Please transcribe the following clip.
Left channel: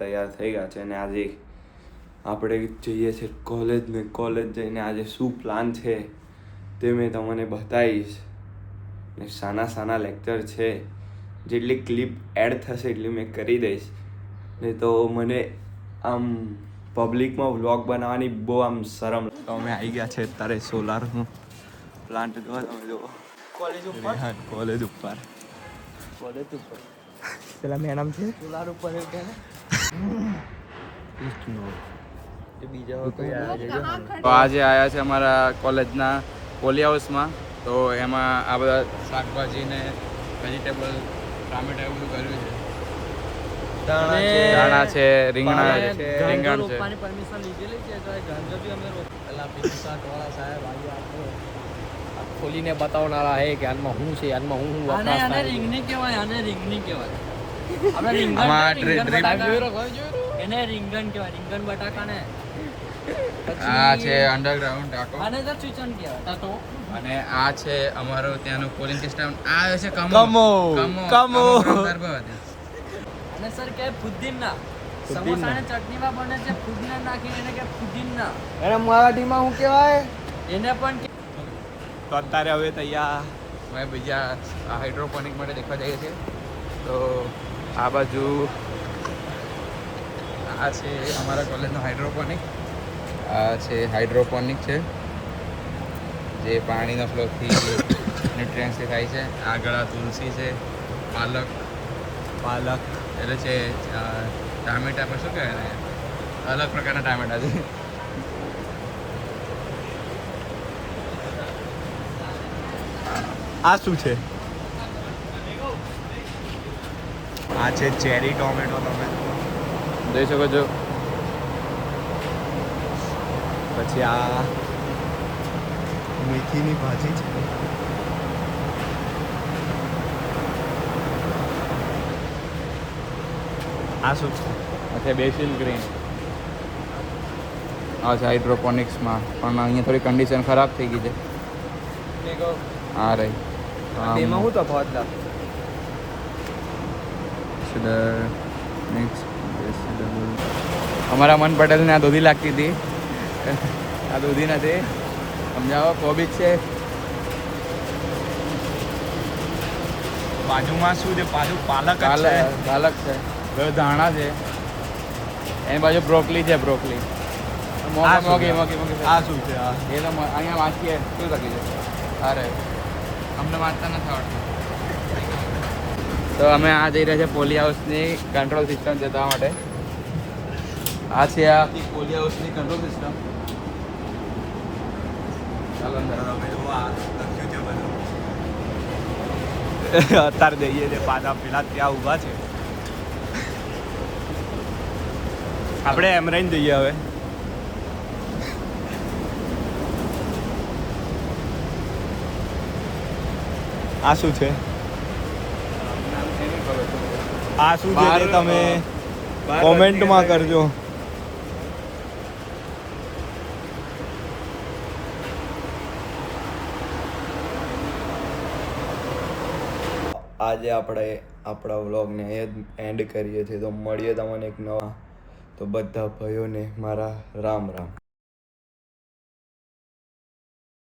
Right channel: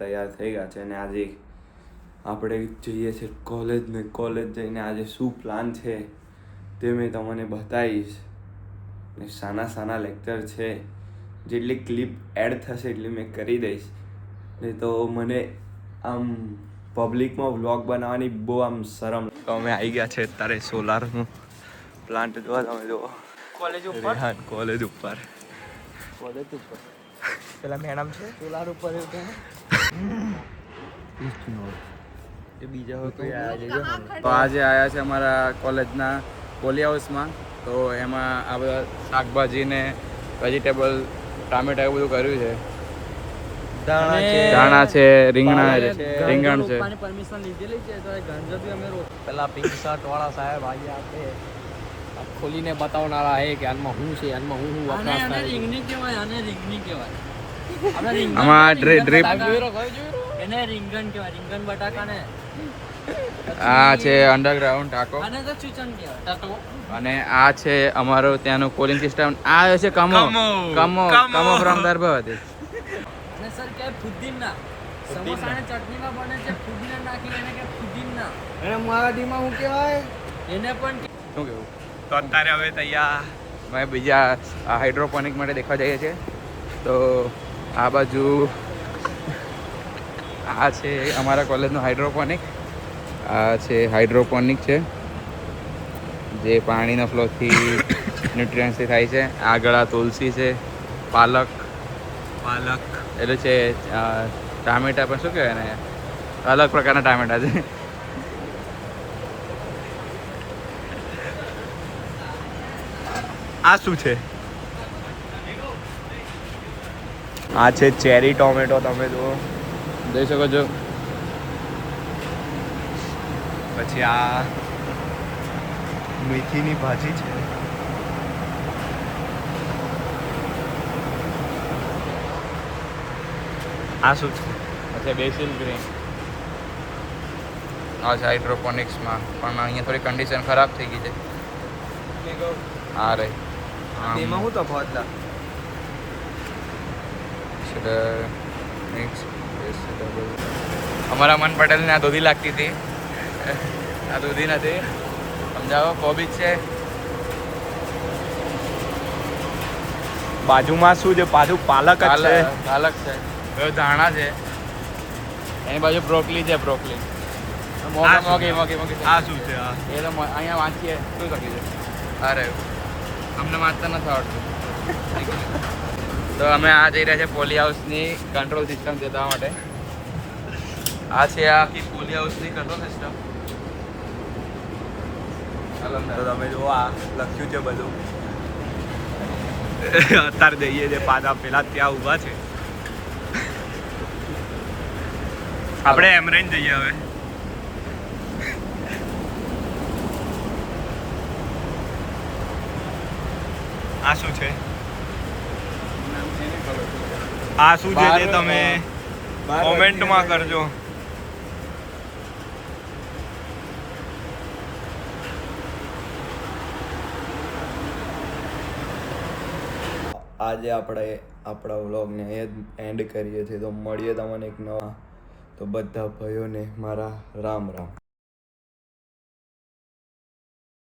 તૈયાર થઈ ગયા છે અને આજે આપણે જઈએ છીએ કોલેજ ને કોલેજ જઈને આજે શું પ્લાન છે તે મેં તમને બતાવીશ ને સાના લેક્ચર છે જેટલી ક્લિપ એડ થશે એટલી મેં કરી દઈશ નહીં તો મને આમ પબ્લિકમાં વ્લોગ બનાવવાની બહુ આમ શરમ. તો અમે આવી ગયા છે અત્યારે સોલારનું પ્લાન્ટ જોવા. તમે જુઓ કોલેજ ઉપર પેલા મેડમ છે સોલાર ઉપર તો આજે આવ્યા છે અમારા કોલેજના પોલી હાઉસમાં. તો એમાં આ બધા શાકભાજી ને વેજીટેબલ ટામેટા એવું બધું કર્યું છે. ધાણા છે, રીંગણ છે. પરમિશન લીધેલી છે તો ગાંજો બી અમે પેલા પિક્ચર વાળા સાહેબ ખોલીને બતાવનારા હે કે આનમાં શું છે, આનમાં હું વપરાશ થાય. રીંગણી કહેવાય, આને રીંગણી કહેવાય. આપણે એને રીંગણ કહેવાય, રીંગણ બટાકાને. આ છે અંડરગ્રાઉન્ડ ટાકો આને તો ચીચન કહેવાય. તો અને આ છે અમારો ત્યાંનો કોલિંગ સિસ્ટમ. આ છે કમો ફ્રોમ દરબાર. અને સર કે ફુદીના સમોસા ને ચટણીમાં બને છે, ફુદીના નાખીને એને કે ફુદીના. એને મરાઠીમાં શું કહેવાય એને પણ. તો અત્યારે હવે તૈયાર અમે બીજા હાઇડ્રોપોનિક માટે દેખવા જઈએ છીએ. તો આ બાજુ આ છે અમારા કોલેજનો હાઇડ્રોપોનિક. આ છે હાઇડ્રોપોનિક છે જે પાણીનો ફ્લોથી ન્યુટ્રિયન્સથી થાય છે. આગળ આ તુલસી છે, પાલક એટલે છે ટામેટા પર શું કહેવાય ને, અલગ પ્રકારના ટામેટા છે. આ શું છે? આ છે ચેરી ટોમેટો. તમે જુઓ જોઈ શકો છો. પછી આ મેથીની ભાજી છે. આ શું છે? એટલે બેસિલ ગ્રીન. આ છે હાઇડ્રોપોનિક્સમાં પણ અહીંયા થોડી કન્ડિશન ખરાબ થઈ ગઈ છે. હા રે તેમાં હું તફાવત તમારા મન પટેલને આ દૂધી લાગતી હતી. આ દૂધી નથી, સમજાવો. કોબીજ છે. બાજુમાં શું છે? બાજુ પાલક જ છે. પાલક છે. ધાણા છે. એની બાજુ બ્રોકલી છે. બ્રોકલી આ શું છે? આ એ અહીંયા વાંચીએ શું કરી છે. અરે અમને વાંચતા નથી આવડતું. તો અમે આ જઈ રહ્યા છીએ પોલી હાઉસની કંટ્રોલ સિસ્ટમ જોવા માટે. આ છે આ પોલી હાઉસની કંટ્રોલ સિસ્ટમ. ચાલો તમે જુઓ આ લખ્યું છે બધું. અત્યારે જઈએ છે પાછા પેલા ત્યાં ઊભા છે. આપણે એમ રહીને જઈએ હવે. આ શું છે? આ શું છે તે તમે કોમેન્ટમાં કરજો. આજે આપણે આપણા વ્લોગને એન્ડ કરીએ છીએ. તો મળીએ તમને એક નવા. તો બધા ભાઈઓને મારા રામ રામ.